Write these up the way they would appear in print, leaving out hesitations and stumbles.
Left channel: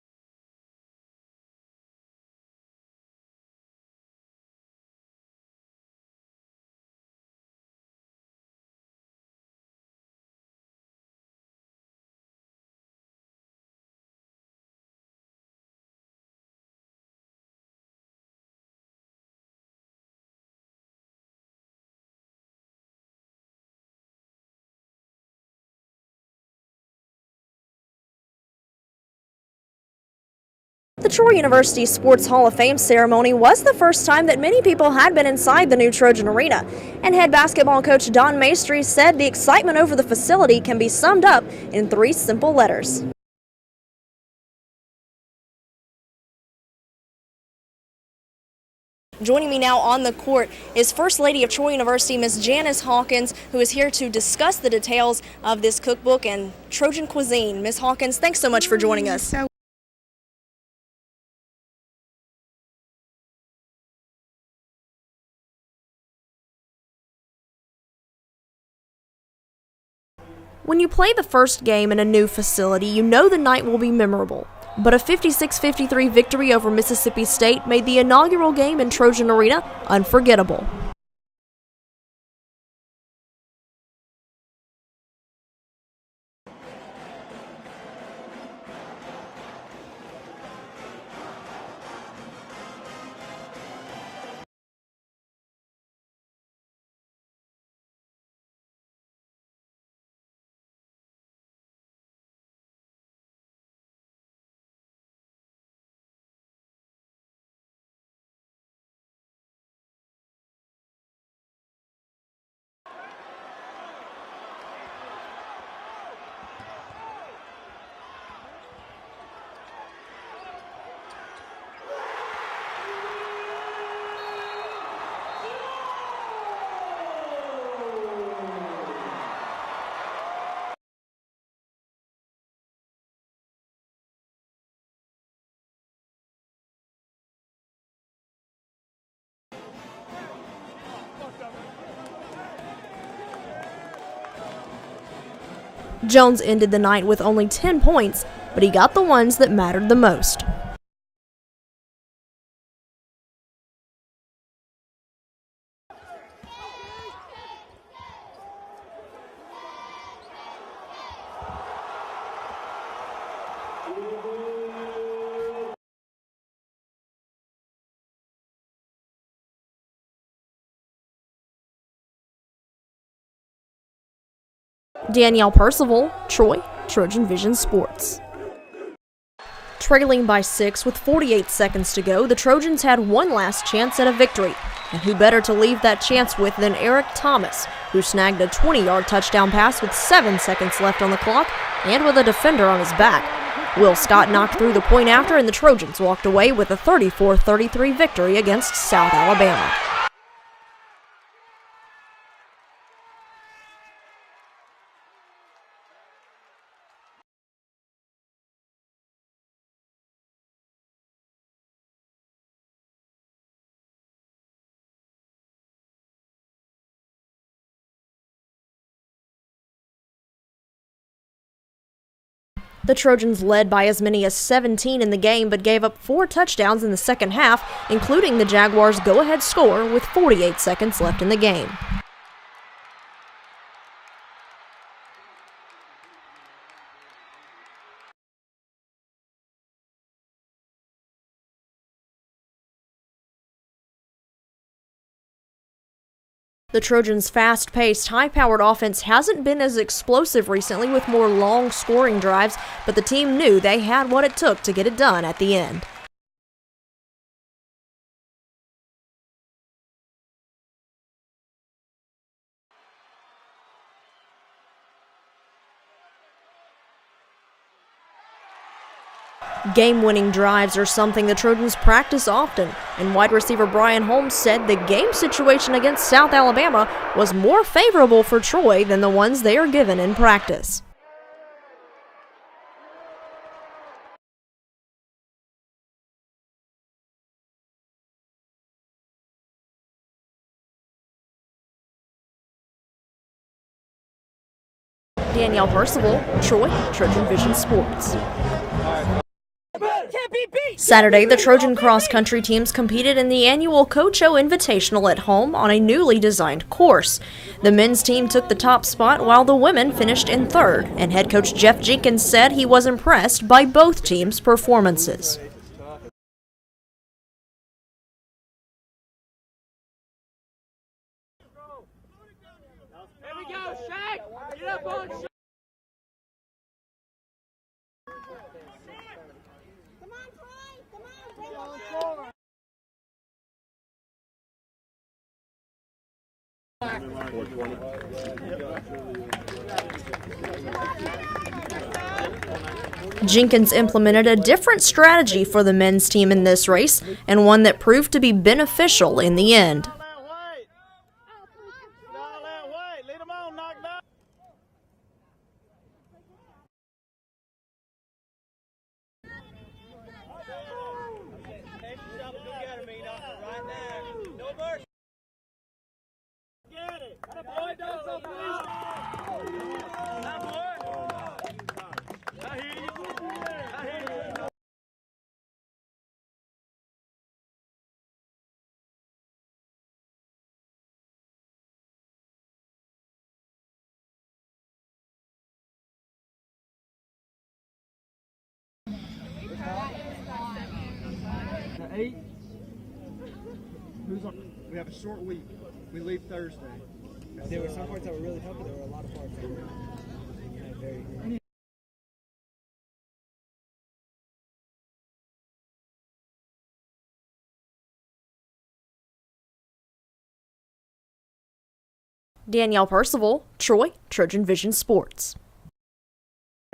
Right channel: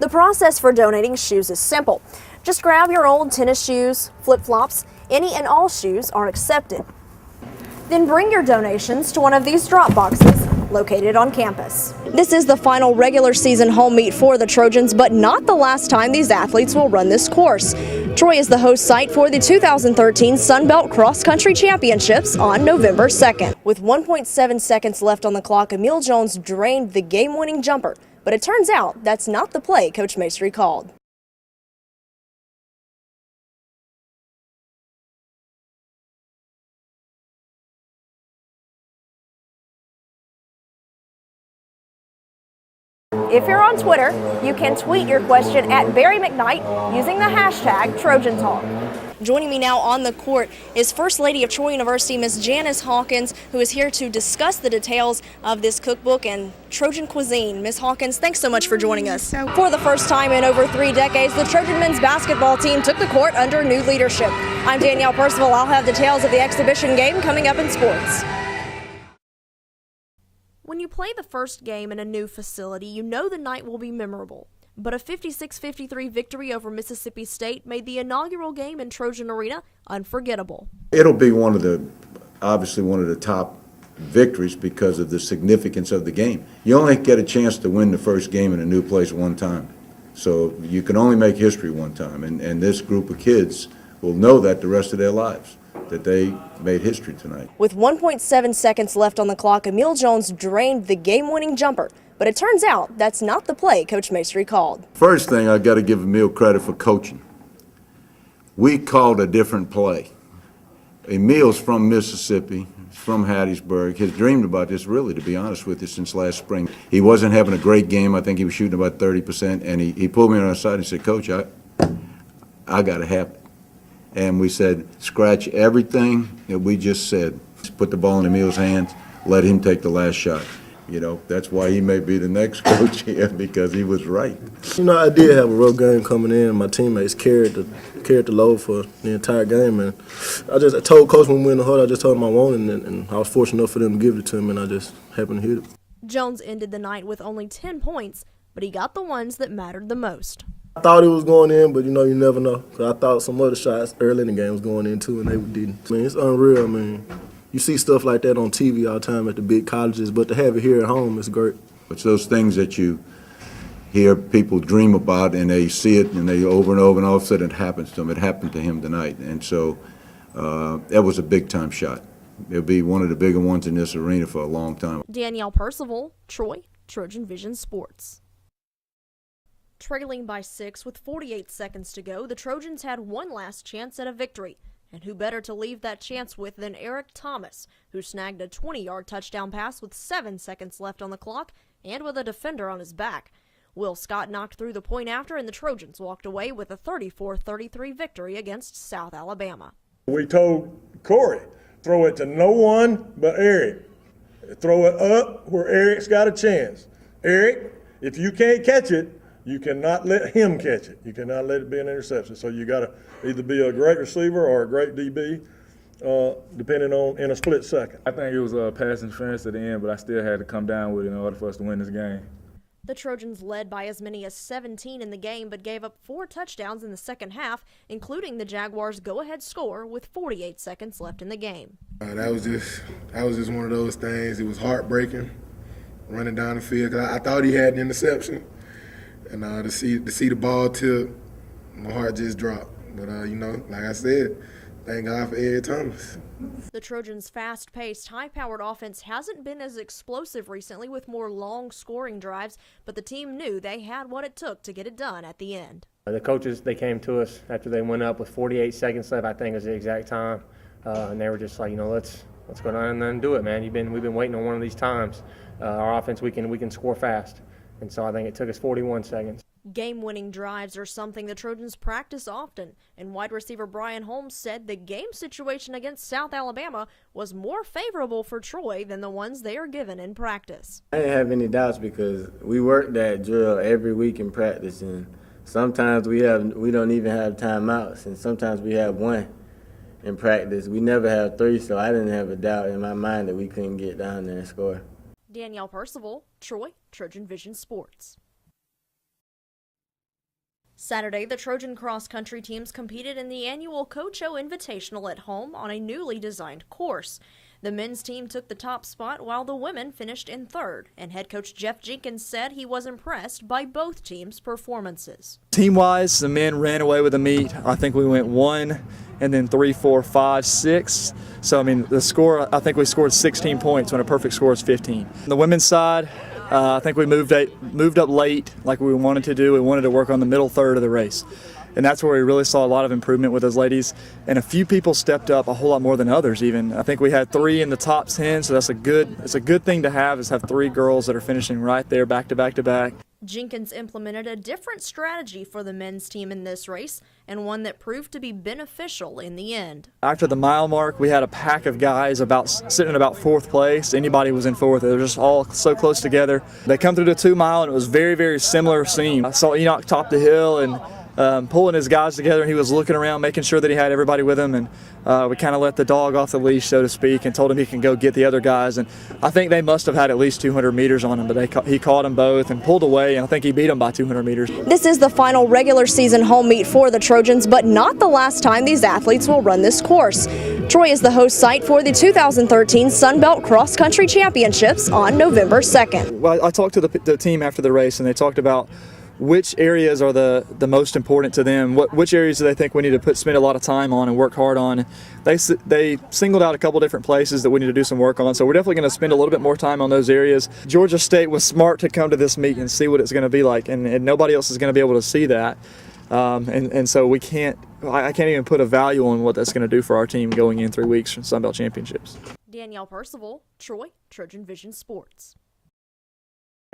The process for donating shoes is simple. Just grab your old tennis shoes, flip-flops, any and all shoes are accepted. Then bring your donations to one of these drop boxes located on campus. This is the final regular season home meet for the Trojans, but not the last time these athletes will run this course. Troy is the host site for the 2013 Sun Belt Cross Country Championships on November 2nd. With 1.7 seconds left on the clock, Emil Jones drained the game-winning jumper. But it turns out that's not the play Coach Maestri called. The Troy University Sports Hall of Fame ceremony was the first time that many people had been inside the new Trojan Arena. And head basketball coach Don Maestri said the excitement over the facility can be summed up in 3 simple letters. If you're on Twitter, you can tweet your question at Barry McKnight using the hashtag Trojan Talk. Joining me now on the court is First Lady of Troy University, Ms. Janice Hawkins, who is here to discuss the details of this cookbook and Trojan cuisine. Ms. Hawkins, thanks so much for joining us. For the first time in over 3 decades, the Trojan men's basketball team took the court under new leadership. I'm Danielle Percival. I'll have details of the exhibition game coming up in sports. When you play the first game in a new facility, you know the night will be memorable. But a 56-53 victory over Mississippi State made the inaugural game in Trojan Arena unforgettable. It'll be obviously one of the top victories because of the significance of the game. You only get a chance to win the first game in a new place one time. So you can only make history one time. And this group of kids will know that the rest of their lives, that they made history tonight. With 1.7 seconds left on the clock, Emil Jones drained the game-winning jumper. But it turns out that's not the play Coach Maestri called. First thing, I got to give Emil credit for coaching. We called a different play. Emil's from Mississippi, from Hattiesburg. He's dreamed about this, really, to be honest with you, since last spring. He wasn't having a great game. I think he was shooting about 30%, and he pulled me on the side and said, Coach, I got to have it. And we said, scratch everything that we just said. Put the ball in Emil's hands, let him take the last shot. You know, that's why he may be the next coach here, because he was right. You know, I did have a rough game coming in. My teammates carried the load for the entire game, and I told Coach when we were in the huddle, I just told him I wanted it, and I was fortunate enough for them to give it to him, and I just happened to hit it. Jones ended the night with only 10 points, but he got the ones that mattered the most. I thought it was going in, but you know, you never know. 'Cause I thought some other shots early in the game was going in too, and they didn't. I mean, it's unreal. I mean, you see stuff like that on TV all the time at the big colleges, but to have it here at home is great. It's those things that you hear people dream about, and they see it, and they over and over, and all of a sudden it happens to them. It happened to him tonight, and so that was a big-time shot. It'll be one of the bigger ones in this arena for a long time. Danielle Percival, Troy, Trojan Vision Sports. Trailing by 6 with 48 seconds to go, the Trojans had one last chance at a victory. And who better to leave that chance with than Eric Thomas, who snagged a 20-yard touchdown pass with 7 seconds left on the clock and with a defender on his back. Will Scott knocked through the point after, and the Trojans walked away with a 34-33 victory against South Alabama. We told Corey, throw it to no one but Eric. Throw it up where Eric's got a chance. Eric, if you can't catch it, you cannot let him catch it. You cannot let it be an interception. So you got to either be a great receiver or a great DB, depending on in a split second. I think it was a pass interference at the end, but I still had to come down with it in order for us to win this game. The Trojans led by as many as 17 in the game, but gave up 4 touchdowns in the second half, including the Jaguars' go-ahead score with 48 seconds left in the game. That was just one of those things. It was heartbreaking, running down the field. 'Cause I thought he had an interception. And to see the ball tip, my heart just dropped. But, you know, like I said, thank God for Eric Thomas. The Trojans' fast-paced, high-powered offense hasn't been as explosive recently with more long scoring drives, but the team knew they had what it took to get it done at the end. The coaches, they came to us after they went up with 48 seconds left, I think was the exact time. And they were just like, you know, let's go down and do it, man. We've been waiting on one of these times. Our offense, we can score fast. And so I think it took us 41 seconds. Game-winning drives are something the Trojans practice often, and wide receiver Brian Holmes said the game situation against South Alabama was more favorable for Troy than the ones they are given in practice. I didn't have any doubts because we work that drill every week in practice, and sometimes we don't even have timeouts, and sometimes we have one in practice. We never have 3, so I didn't have a doubt in my mind that we couldn't get down there and score. Danielle Percival, Troy, Trojan Vision Sports. Saturday, the Trojan cross-country teams competed in the annual Coach O Invitational at home on a newly designed course. The men's team took the top spot while the women finished in third, and head coach Jeff Jenkins said he was impressed by both teams' performances. Team-wise, the men ran away with the meet. I think we went 1 and then 3, 4, 5, 6. So, I mean, the score, I think we scored 16 points when a perfect score is 15. On the women's side, I think we moved up late like we wanted to do. We wanted to work on the middle third of the race. And that's where we really saw a lot of improvement with those ladies. And a few people stepped up a whole lot more than others even. I think we had 3 in the top 10, so it's a good thing to have, is have 3 girls that are finishing right there back to back to back. Jenkins implemented a different strategy for the men's team in this race, and one that proved to be beneficial in the end. After the mile mark, we had a pack of guys sitting in about 4th place. Anybody was in 4th. They were just all so close together. They come through the 2 mile, and it was very, very similar scene. I saw Enoch top the hill and pulling his guys together, and he was looking around, making sure that he had everybody with him, and we kind of let the dog off the leash, so to speak, and told him he can go get the other guys. And I think they must have had at least 200 meters on him, but he caught them both and pulled away, and I think he beat them by 200 meters. This is the final regular season home meet for the Trojans, but not the last time these athletes will run this course. Troy is the host site for the 2013 Sun Belt Cross Country Championships on November 2nd. Well, I talked to the team after the race, and they talked about which areas are the most important to them, which areas do they think we need to spend a lot of time on and work hard on. They singled out a couple different places that we need to do some work on, so we're definitely going to spend a little bit more time on those areas. Georgia State was smart to come to this meet and see what it's going to be like, and nobody else is going to be able to see that. And so I can't even put a value on what that's going to do for our team going in 3 weeks from Sun Belt Championships. Danielle Percival, Troy, Trojan Vision Sports.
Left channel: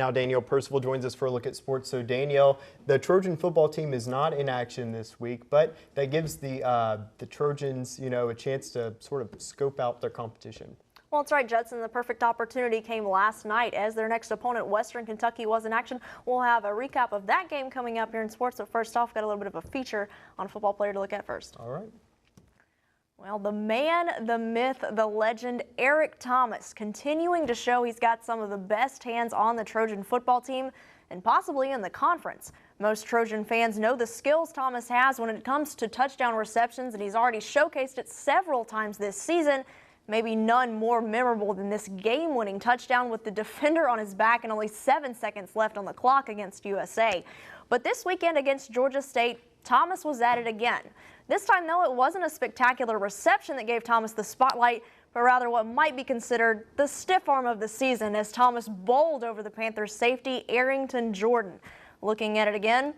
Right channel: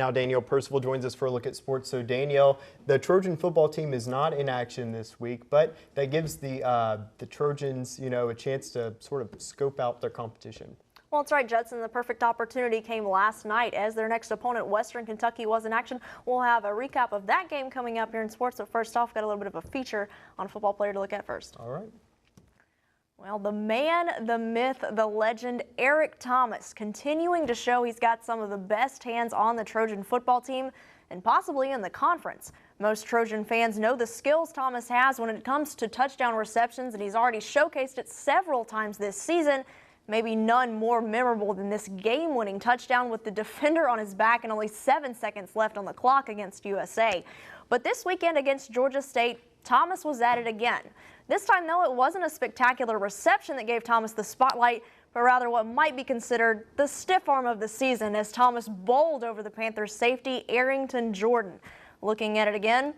Now Danielle Percival joins us for a look at sports. So Danielle, the Trojan football team is not in action this week, but that gives the Trojans, a chance to sort of scope out their competition. Well, that's right, Judson. The perfect opportunity came last night as their next opponent, Western Kentucky, was in action. We'll have a recap of that game coming up here in sports. But first off, got a little bit of a feature on a football player to look at first. All right. Well, the man, the myth, the legend, Eric Thomas, continuing to show he's got some of the best hands on the Trojan football team and possibly in the conference. Most Trojan fans know the skills Thomas has when it comes to touchdown receptions, and he's already showcased it several times this season. Maybe none more memorable than this game-winning touchdown with the defender on his back and only 7 seconds left on the clock against USA. But this weekend against Georgia State, Thomas was at it again. This time, though, it wasn't a spectacular reception that gave Thomas the spotlight, but rather what might be considered the stiff arm of the season as Thomas bowled over the Panthers safety, Arrington Jordan. Looking at it again,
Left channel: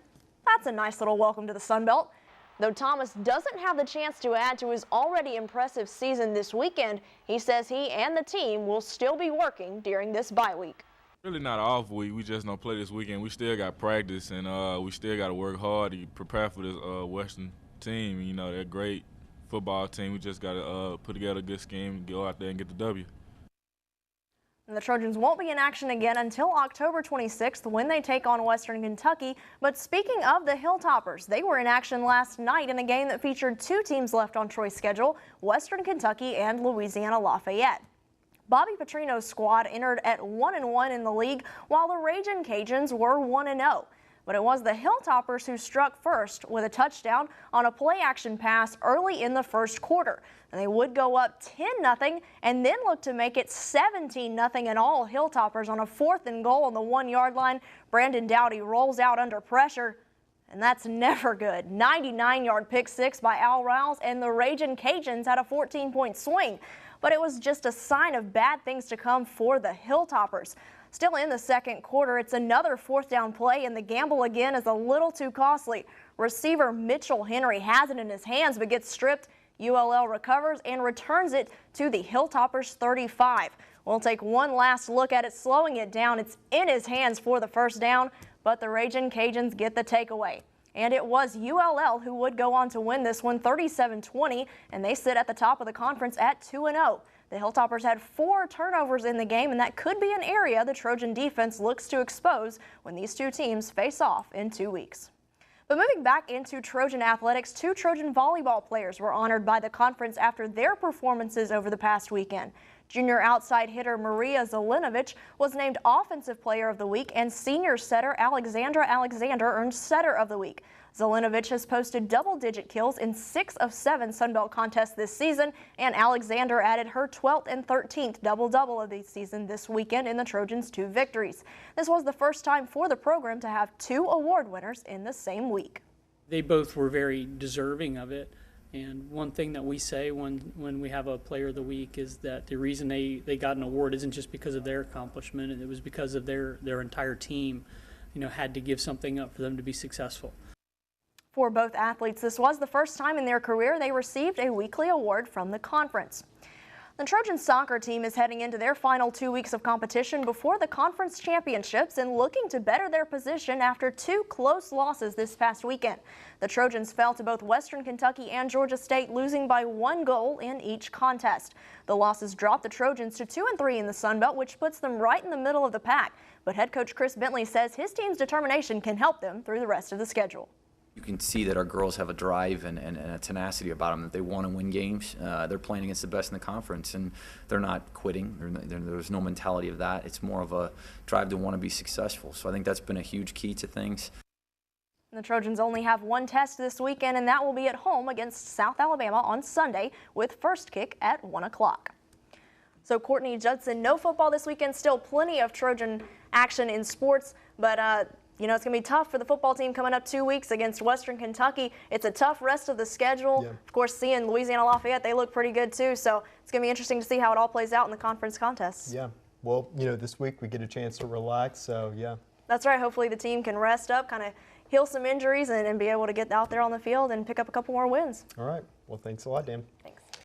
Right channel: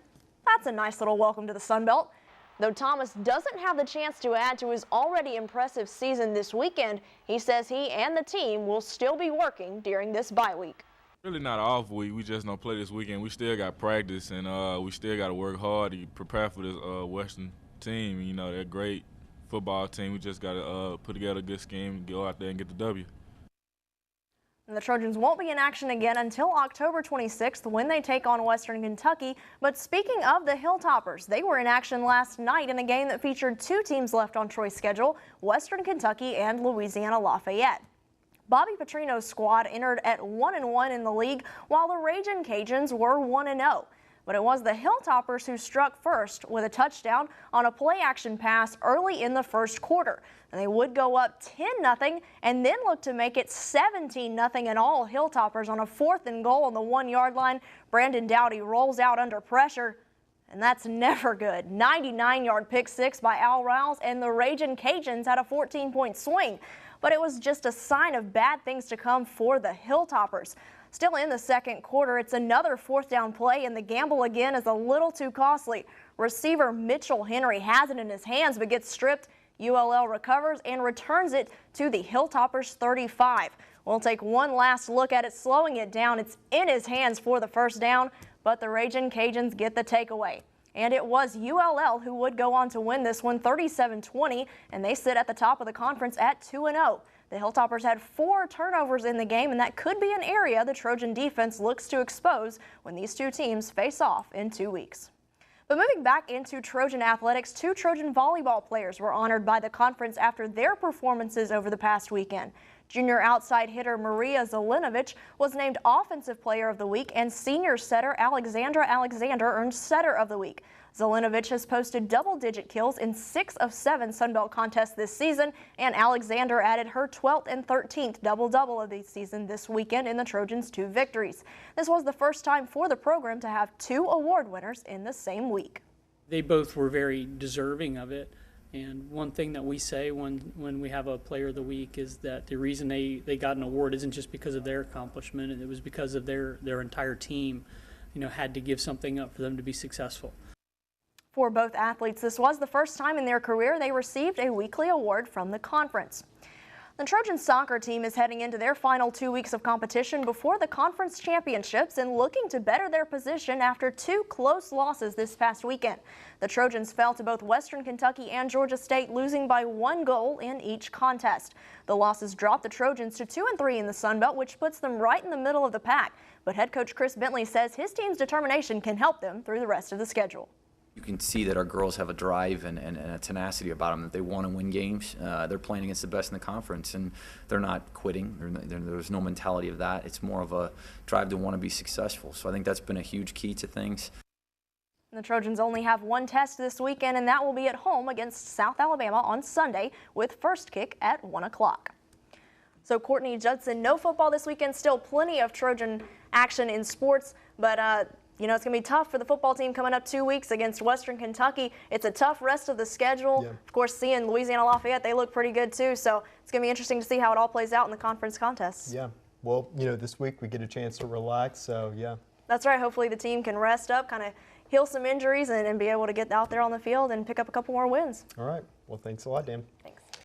that's a nice little welcome to the Sun Belt. Though Thomas doesn't have the chance to add to his already impressive season this weekend, he says he and the team will still be working during this bye week. Really not an off week. We just don't play this weekend. We still got practice, and we still got to work hard to prepare for this Western team. They're a great football team. We just got to put together a good scheme, go out there and get the W. And the Trojans won't be in action again until October 26th when they take on Western Kentucky. But speaking of the Hilltoppers, they were in action last night in a game that featured 2 teams left on Troy's schedule, Western Kentucky and Louisiana Lafayette. Bobby Petrino's squad entered at 1-1 in the league, while the Ragin' Cajuns were 1-0. But it was the Hilltoppers who struck first with a touchdown on a play-action pass early in the first quarter. And they would go up 10-0 and then look to make it 17-0 in all Hilltoppers on a 4th and goal on the 1-yard line. Brandon Dowdy rolls out under pressure, and that's never good. 99-yard pick six by Al Rouse, and the Ragin' Cajuns had a 14-point swing. But it was just a sign of bad things to come for the Hilltoppers. Still in the second quarter, it's another 4th down play, and the gamble again is a little too costly. Receiver Mitchell Henry has it in his hands but gets stripped. ULL recovers and returns it to the Hilltoppers 35. We'll take one last look at it, slowing it down. It's in his hands for the first down, but the Ragin' Cajuns get the takeaway. And it was ULL who would go on to win this one 37-20, and they sit at the top of the conference at 2-0. The Hilltoppers had 4 turnovers in the game, and that could be an area the Trojan defense looks to expose when these 2 teams face off in 2 weeks. But moving back into Trojan athletics, 2 Trojan volleyball players were honored by the conference after their performances over the past weekend. Junior outside hitter Maria Zelinovic was named Offensive Player of the Week, and senior setter Alexandra Alexander earned Setter of the Week. Zelinovic has posted double-digit kills in 6 of 7 Sunbelt contests this season, and Alexander added her 12th and 13th double-double of the season this weekend in the Trojans' 2 victories. This was the first time for the program to have 2 award winners in the same week. They both were very deserving of it. And one thing that we say when we have a Player of the Week is that the reason they got an award isn't just because of their accomplishment, and it was because of their entire team, had to give something up for them to be successful. For both athletes, this was the first time in their career they received a weekly award from the conference. The Trojan soccer team is heading into their final 2 weeks of competition before the conference championships and looking to better their position after 2 close losses this past weekend. The Trojans fell to both Western Kentucky and Georgia State, losing by 1 goal in each contest. The losses dropped the Trojans to 2-3 in the Sun Belt, which puts them right in the middle of the pack. But head coach Chris Bentley says his team's determination can help them through the rest of the schedule. You can see that our girls have a drive and a tenacity about them, that they want to win games. They're playing against the best in the conference, and they're not quitting. There's no mentality of that. It's more of a drive to want to be successful. So I think that's been a huge key to things. The Trojans only have 1 test this weekend, and that will be at home against South Alabama on Sunday with first kick at 1 o'clock. So Courtney Judson, no football this weekend, still plenty of Trojan action in sports, but it's going to be tough for the football team coming up 2 weeks against Western Kentucky. It's a tough rest of the schedule. Yeah. Of course, seeing Louisiana Lafayette, they look pretty good too. So it's going to be interesting to see how it all plays out in the conference contests. Yeah. Well, this week we get a chance to relax, so yeah. That's right. Hopefully the team can rest up, kind of heal some injuries, and be able to get out there on the field and pick up a couple more wins. All right. Well, thanks a lot, Dan. Thanks.